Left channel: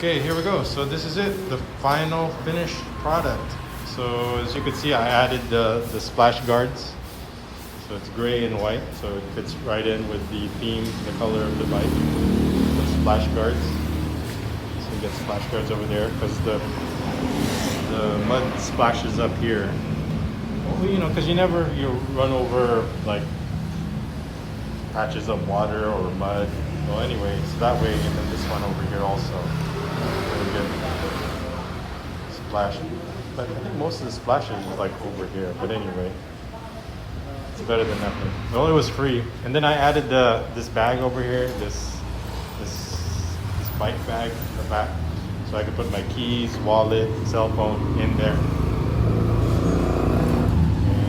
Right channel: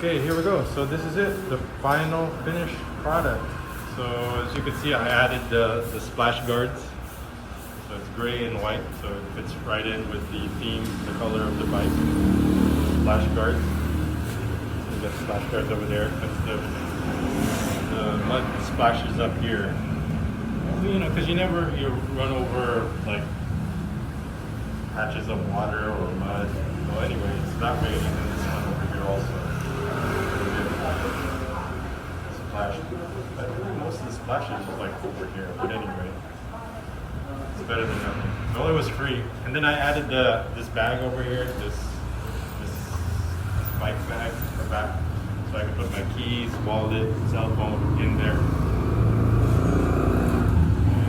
Okay, here we go. So this is it, the final finished product. So as you can see, I added the splash guards. So it's gray and white, so it fits right in with the theme, the color of the bike. The splash guards. So you got splash guards over there because the mud splashes up here. Well, you know, because you run over like patches of water or mud. So anyway, so that way, and then this one over here also. Splash. I think most of the splashes is like over here, but anyway, it's better than nothing. Well, it was free, and then I added this bag over here, this bike bag in the back, so I could put my keys, wallet, cell phone in there,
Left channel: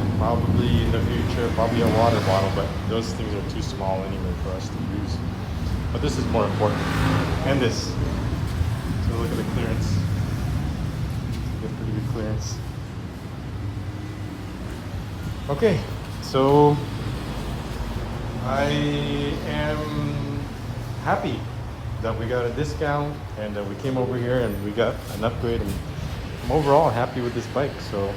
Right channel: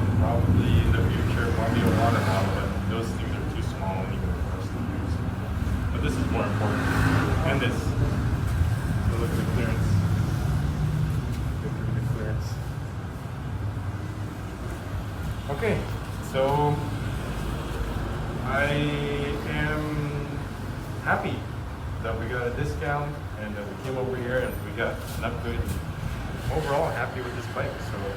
and probably in the future, probably a water bottle, but those things are too small anyway for us to use. But this is more important, and this. So look at the clearance. Okay, so I am happy that we got a discount and that we came over here and we got an upgrade. And I'm overall happy with this bike. So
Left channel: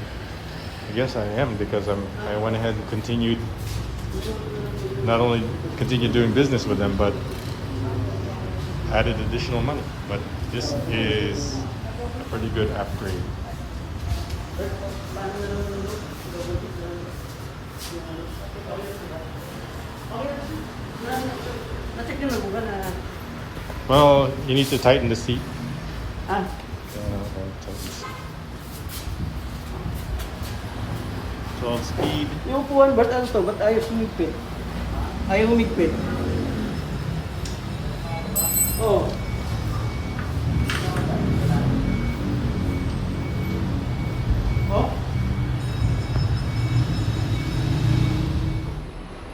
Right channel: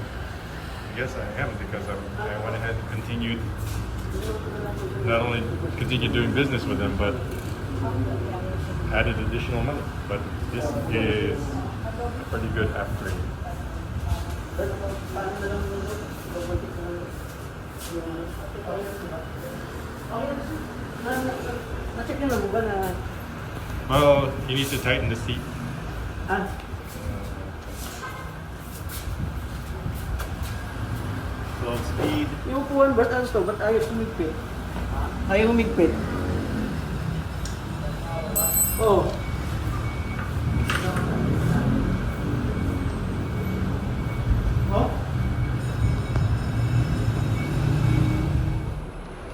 I guess I am because I went ahead and continued, not only continued doing business with them, but added additional money. But this is a pretty good upgrade. Well, you need to tighten the seat. So speed. Yung upuan, ba't ano to? Ba't ayaw sumigpit? Ayaw humigpit. Oh. Oh?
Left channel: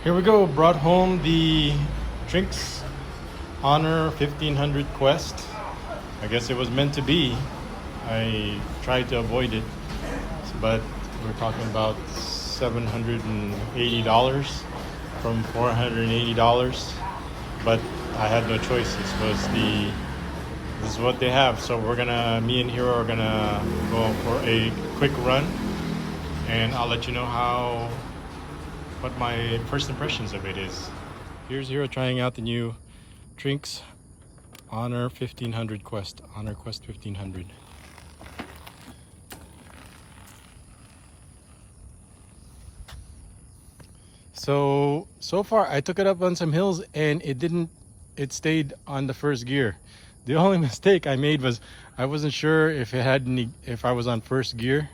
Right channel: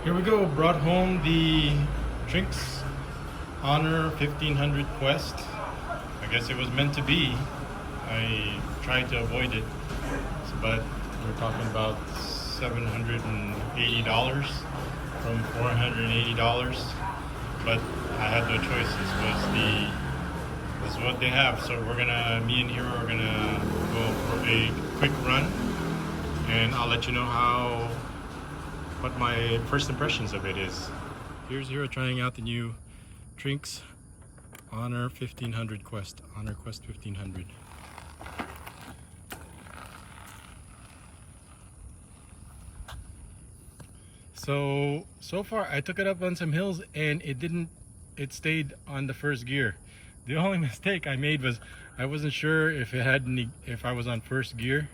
Here we go, brought home the Trinx Honor 1500 Quest. I guess it was meant to be. I tried to avoid it, but we're talking about $780 from $480. But I had no choice. This is what they have. So me and Hero are gonna go for a quick run, and I'll let you know what my first impressions of it is. Here's Hero trying out the new Trinx Honor 1500 Quest, Honor Quest 1500. So far I took it up on some hills and it stayed on the first gear. The only mistake I made was I wasn't sure if if I was on first gear.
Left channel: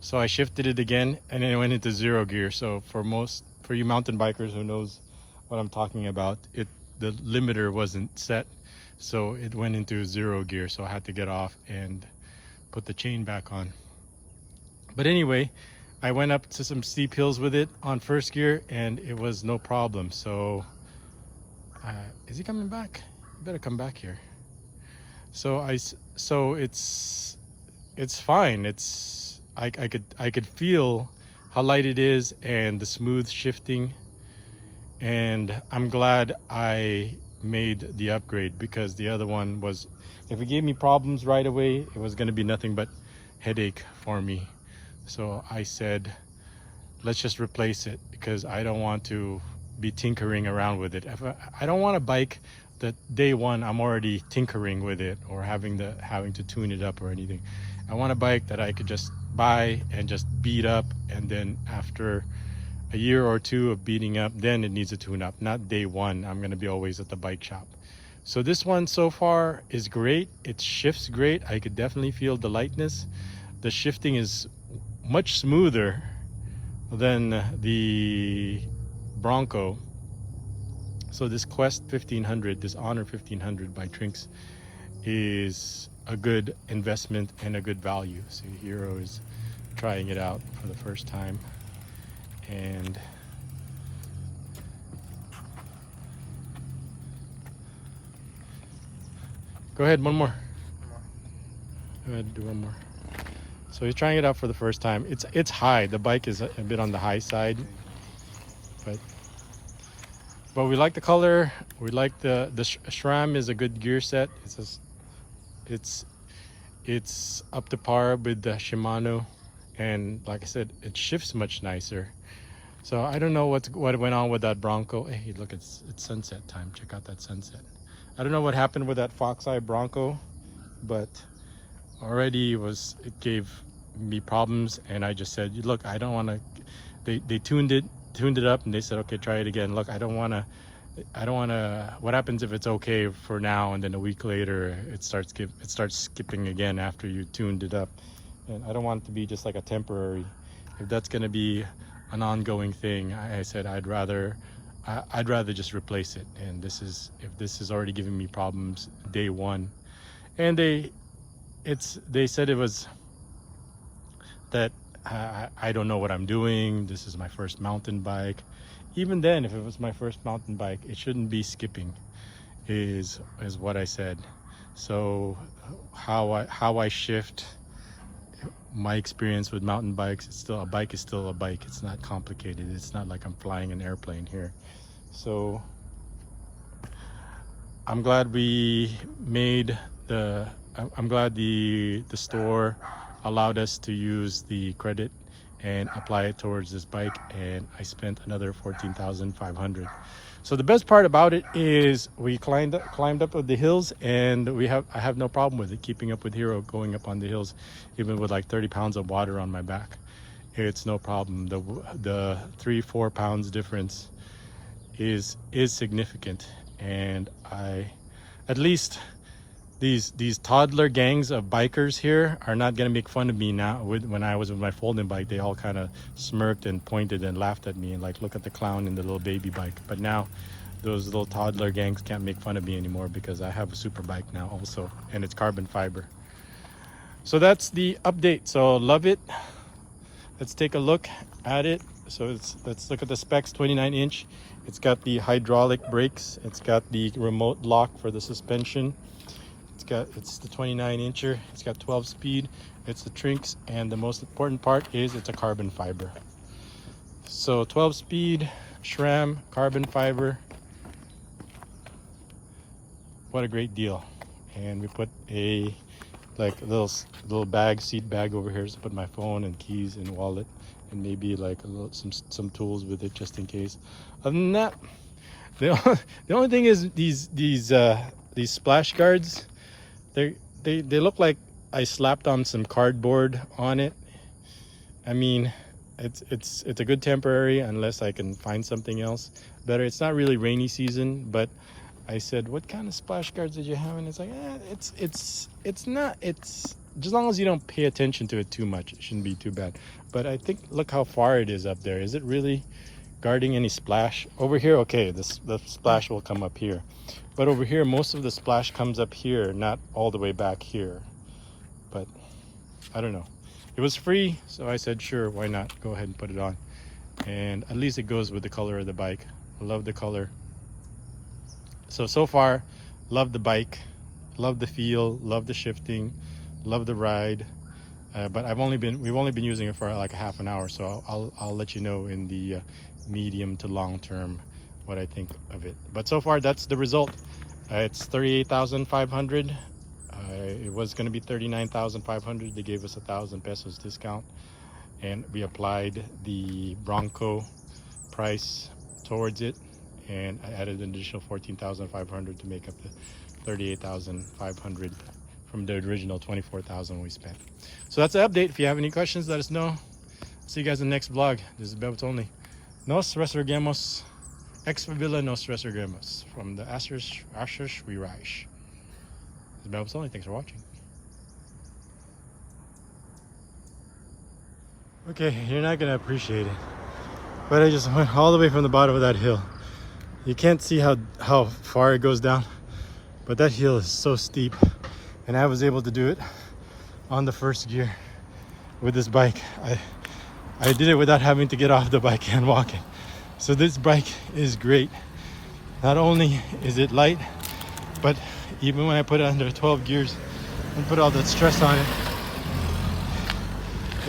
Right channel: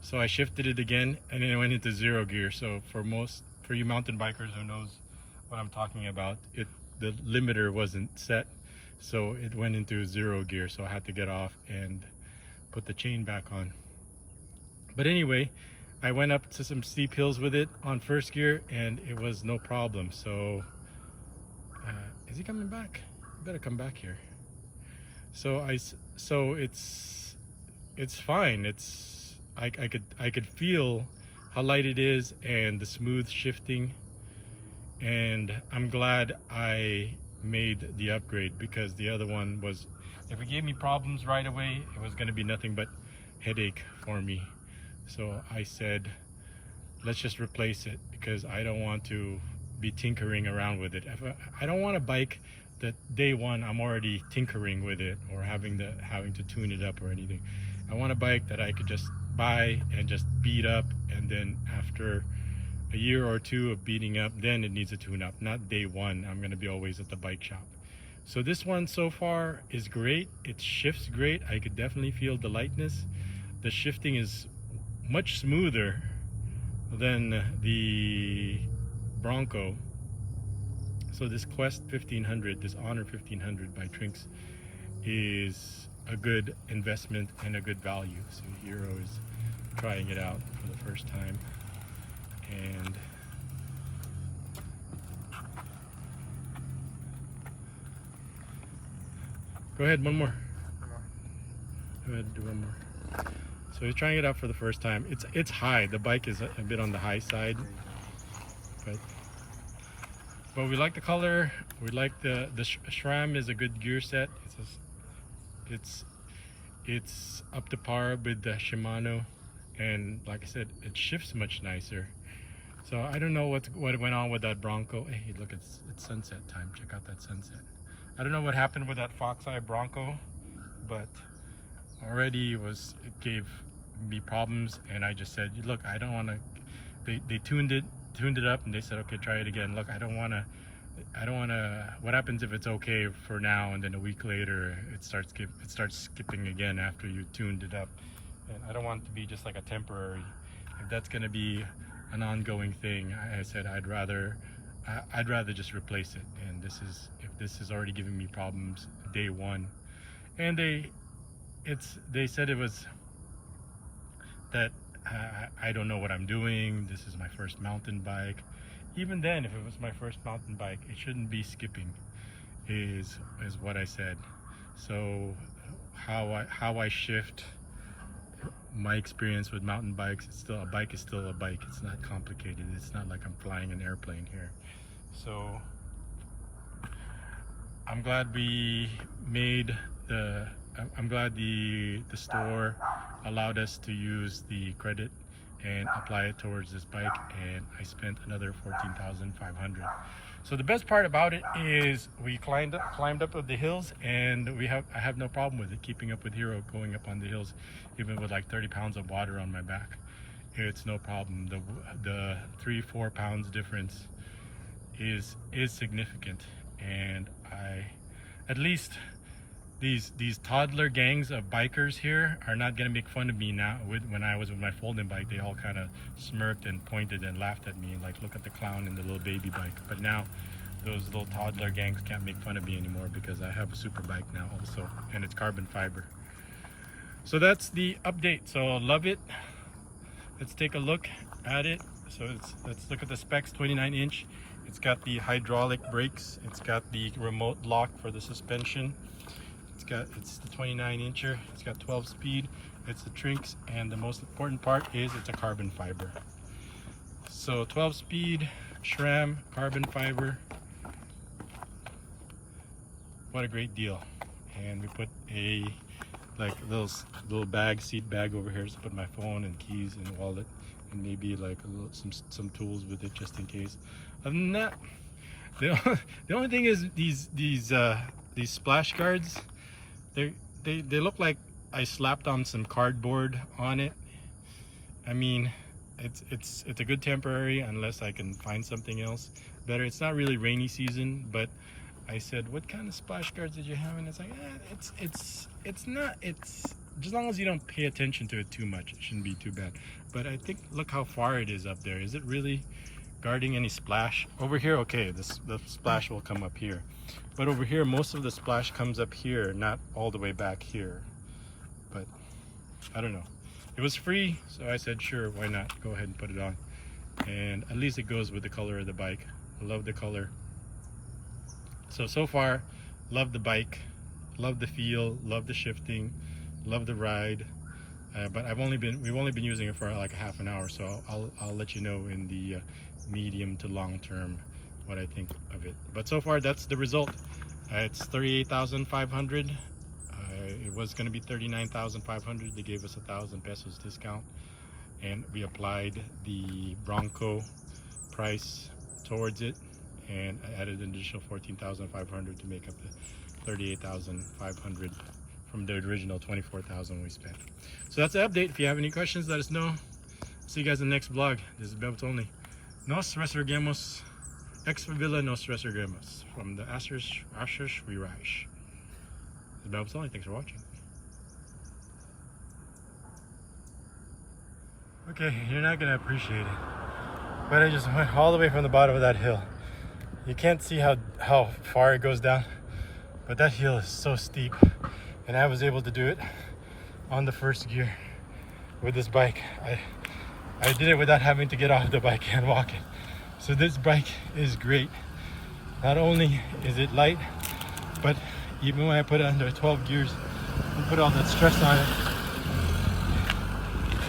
So I shifted it again and then it went into 0 gear. So for you mountain bikers who knows what I'm talking about, the limiter wasn't set, so it went into 0 gear. So I had to get off and put the chain back on. But anyway, I went up to some steep hills with it on first gear and it was no problem. So is he coming back? You better come back here. So it's fine. I could feel how light it is and the smooth shifting, and I'm glad I made the upgrade because the other one was, if it gave me problems right away, it was going to be nothing but headache for me. So I said, let's just replace it because I don't want to be tinkering around with it. I don't want a bike that day one I'm already tinkering with it or having to tune it up or anything. I want a bike that I could just buy and just beat up, and then after a year or two of beating up, then it needs a tune up. Not day one, I'm going to be always at the bike shop. So this one so far is great. It shifts great. I could definitely feel the lightness. The shifting is much smoother than the Bronco. So this Quest 1500, this Honor 1500 by Trinx, is a good investment and a good value. So Hero is trying it out for the first time, and go ahead, one more. Go ahead, do one more. So he's trying it out for the first time. It's high. The bike is a bit on the high side, but we like the color. We like the SRAM is a good gear set. it's up to par with the Shimano, and like I said, it shifts much nicer. So I don't know what went on with that Bronco. Hey, look, it's sunset time. Check out that sunset. I don't know what happened with that Fox Eye Bronco, but already it gave me problems, and I just said, look, I don't want to. They tuned it up, and they said, okay, try it again. Look, I don't want to. What happens if it's okay for now, and then a week later it starts skipping again after you tuned it up? And I don't want it to be just like a temporary. If that's going to be an ongoing thing, I said I'd rather just replace it. And if this is already giving me problems day one, and they said it was that I don't know what I'm doing. This is my first mountain bike. Even then, if it was my first mountain bike, it shouldn't be skipping, is what I said. So how I shift my experience with mountain bikes, a bike is still a bike. It's not complicated. It's not like I'm flying an airplane here. So I'm glad I'm glad the store allowed us to use the credit and apply it towards this bike, and I spent another $14,500. So the best part about it is we climbed up of the hills, and I have no problem with it, keeping up with Hero, going up on the hills, even with like 30 pounds of water on my back. It's no problem. The 3-4 pounds difference is significant, and at least these toddler gangs of bikers here are not gonna make fun of me now. When I was with my folding bike, they all kind of smirked and pointed and laughed at me and like, look at the clown in the little baby bike. But now those little toddler gangs can't make fun of me anymore, because I have a super bike now also, and it's carbon fiber. So that's the update. So love it. Let's take a look at it. So let's look at the specs. 29-inch. It's got the hydraulic brakes. It's got the remote lock for the suspension. It's the 29-incher. It's got 12 speed. It's the Trinx, and the most important part is it's a carbon fiber. So 12 speed SRAM carbon fiber. What a great deal. And we put a little seat bag over here to put my phone and keys and wallet, and maybe like some tools with it just in case. Other than that, the only thing is these splash guards. They look like I slapped on some cardboard on it. I mean, it's a good temporary unless I can find something else better. It's not really rainy season, but I said, what kind of splash guards did you have? And it's like, it's not, as long as you don't pay attention to it too much, it shouldn't be too bad. But I think, look how far it is up there. Is it really guarding any splash? Over here, okay, the splash will come up here. But over here, most of the splash comes up here, not all the way back here. But I don't know. It was free, so I said, sure, why not? Go ahead and put it on. And at least it goes with the color of the bike. I love the color. So far, love the bike, love the feel, love the shifting, love the ride. But we've only been using it for like a half an hour, so I'll let you know in the medium to long term what I think of it. But so far, that's the result. It's 38,500. It was going to be 39,500. They gave us 1,000 pesos discount, and we applied the Bronco price towards it, and I added an additional 14,500 to make up the 38,500 from the original 24,000 we spent. So that's the update. If you have any questions, let us know. See you guys in the next vlog. This is Bebot Only. Nos resurgemos. Ex Favila nos resurgemos. From the Ashes we rise. This is Bebot Only. Thanks for watching. Okay, you're not gonna appreciate it, but I just went all the way from the bottom of that hill. You can't see how far it goes down, but that hill is so steep, and I was able to do it on the first gear with this bike. I did it without having to get off the bike and walking. So this bike is great. Not only is it light, but even when I put it under 12 gears and put all that stress on it,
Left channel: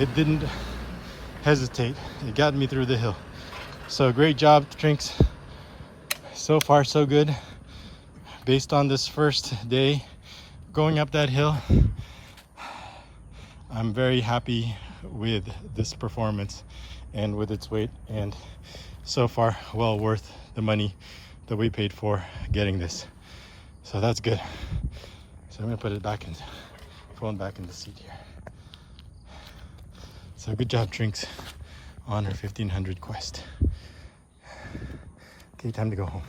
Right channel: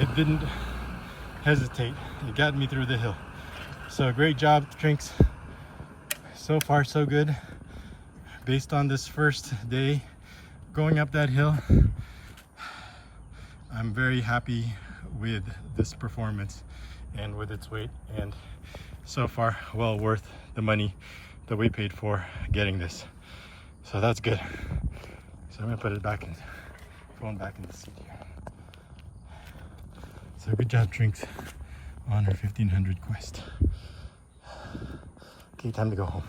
it didn't hesitate. It got me through the hill. So great job, Trinx. So far so good. Based on this first day going up that hill, I'm very happy with this performance and with its weight, and so far well worth the money that we paid for getting this. So that's good. So I'm gonna put it back in, phone back in the seat here. So good job, Trinx Honor 1500 quest. Okay, time to go home.